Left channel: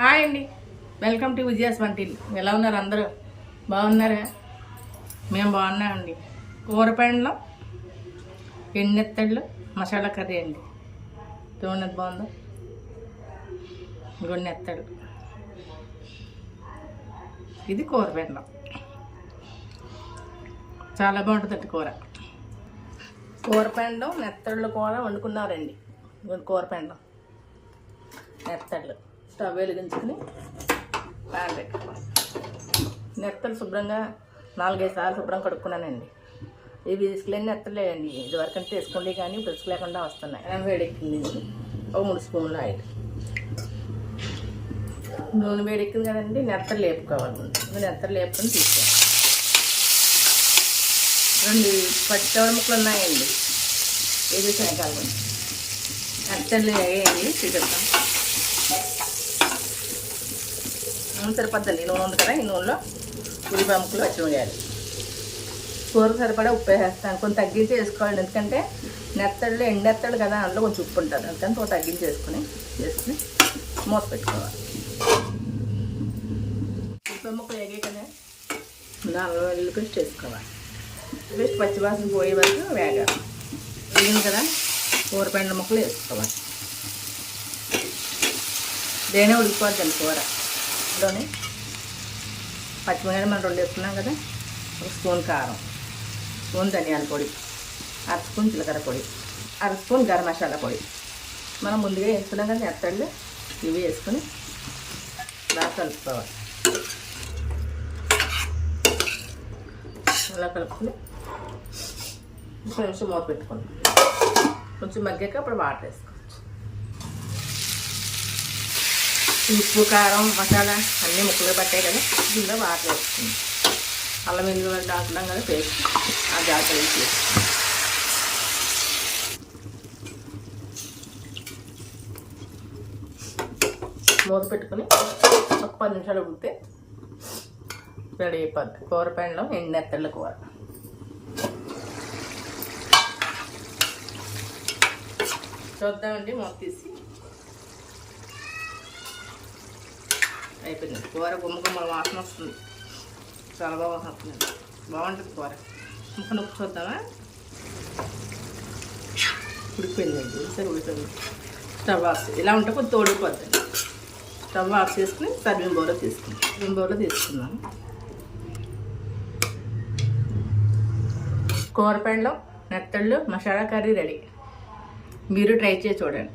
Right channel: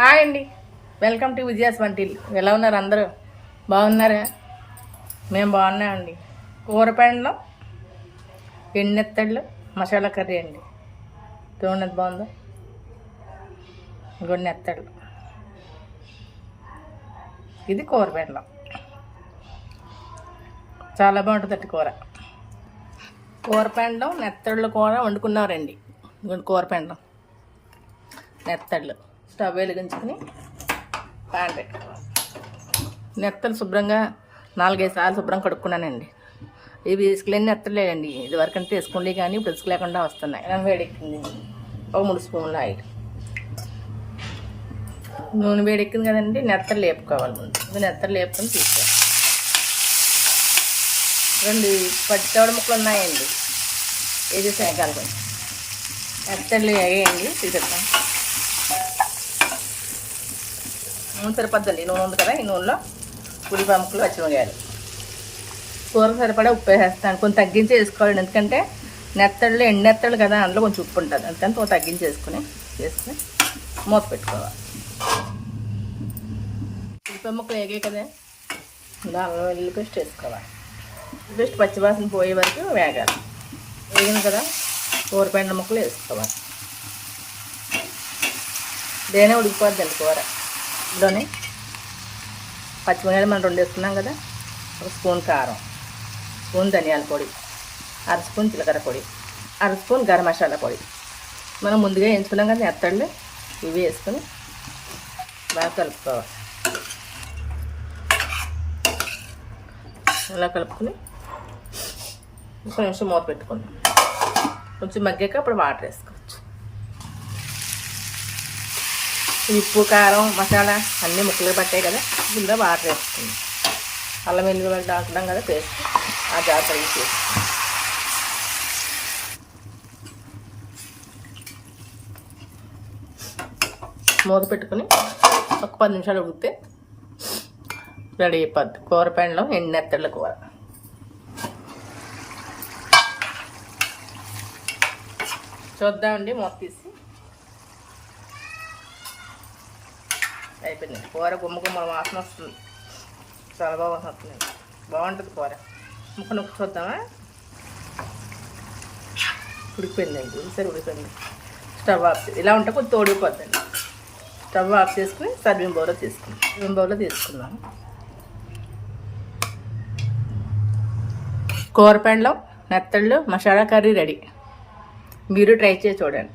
Hi అండి. Welcome to Vijaya's until ఎలా ఉన్నారు అందరూ? బాగున్నారా? మేము బాగున్నామండి. కూరపండ్లో ఎన్నెత్తళ్ళు మసాలా కర్రీ అండి. చూడండి ఎంత బాగుందో? ఇంకొన్ని ఎత్తళ్ళు ఇది కూరపండ్లం చాలా బాగుంటుందండి కూర. కూరపెండం నెత్తళ్ళు కూర వండుకున్నారండి. ఇదిగోండి కూరపెండం నెత్తళ్ళు. స్టవ్ వెలిగించుకుని ప్యాన్ పెట్టుకోవాలి. నెత్తలు శుభ్రంగా నాలుగైదు సార్లు శుభ్రం కడుక్కున్నానండి. ఇవి ఇసుకలేని నెత్తలేదండి ఇది వరకంటే వేసుకుండే కానీ ఇప్పుడు ఇసుక లేకుండా వస్తున్నాయి. అన్నం వేడెక్కింది. ఒక మూడు స్పూన్లు ఆయిల్. నూనె వేడెక్కింది కదండి నెత్తలు లేపుకోవాలి ముందు. నెత్తలు లేపుకొని తీసుకోవాలి. రెండు పచ్చితోడు ముక్కలు ఉన్నాయండి. ఇది చేయగలరు నెత్తలు వేయండి చూద్దాం నూనె సరిపోద్దండి. నూనె కదా ఈ నూనెలో ఉల్లిపాయ ముక్కలు పచ్చిమిరియాలు కూర సరిపడా ఉప్పు వేసేస్తాను. కొంచెం తగ్గించి వేసుకోవాలి ఎందుకంటే నెత్తళ్ళు ఎండు నెత్తళ్ళు కదా అందులో కొంచెం ఉప్పు ఉంటుంది అందుకని కొంచెం తగ్గించి వేసుకుని వేసుకుని మూత పెట్టుకోవాలి. ఉల్లిపాయ ముక్కలు వేగాయి కదా. దానిలో పేస్ట్ వేసుకోవాలి. జస్ట్ పచ్చివాసన పోయే వరకు వేగాలి. వేగింది కదా కూరపెండ ముక్కలు వేసుకోవాలి. దేనే ఉడికిపోద్దండి కూర. ఇందులోనే పచ్చిమిరపకాయలు మనం రెండు వేసుకున్నాం కదా ఒక స్పూన్ కారం స్పూన్ ధనియాల పొడి అర స్పూన్ జీలకర్ర పొడి అర స్పూన్ గరం మసాలా పొడి. మనం ముందుగా వేసుకున్నాం కదా ఎత్తళ్ళు ఇవి వేసుకొని బాగా కలుపుకోవాలి. ఇలా కలుపుకుని ఒక నిమిషం మూత పెట్టుకోండి కొంచెం మగ్గాక అప్పుడు వాటర్ వేసుకో. ఉప్పు కారం మసాలా అన్నీ ముక్కలు పట్టాయి కదా. ఇందులో వాటర్ అల్లం వెల్లుల్లి దాంట్లో కదా పేస్ట్. ఆ దాంట్లో మూత పెట్టుకుని ఒక పది నిమిషాలు ఉడితే రెడీ అయిపోద్ది. కూర పెండలో ఎండు నెత్తళ్ళ కూర. చూద్దామండి మూత తీసి. అయిపోయింది. కూర గుమ్మ గుమ్మ వాసన వస్తుంది. చాలా బాగా వాసన వస్తుంది. బాగుంటుంది కూర. ముక్క నొక్కి చూద్దామా? ఉడిపోయిందండి సరే ఉడిపోయింది స్టవ్ ఆఫ్ ఇలా ఉంటే కొంచెం తోడిపోద్దండి స్టవ్ ఆఫ్ చేసుకుని సర్వింగ్ బౌల్లో తీసుకుందాం. సర్వింగ్ బౌల్లో తీసుకుందాం. కూరపెండలో నెత్తళ్ళు మసాలా కర్రీ రెడీ. మీరు ట్రై చేసి చూడండి.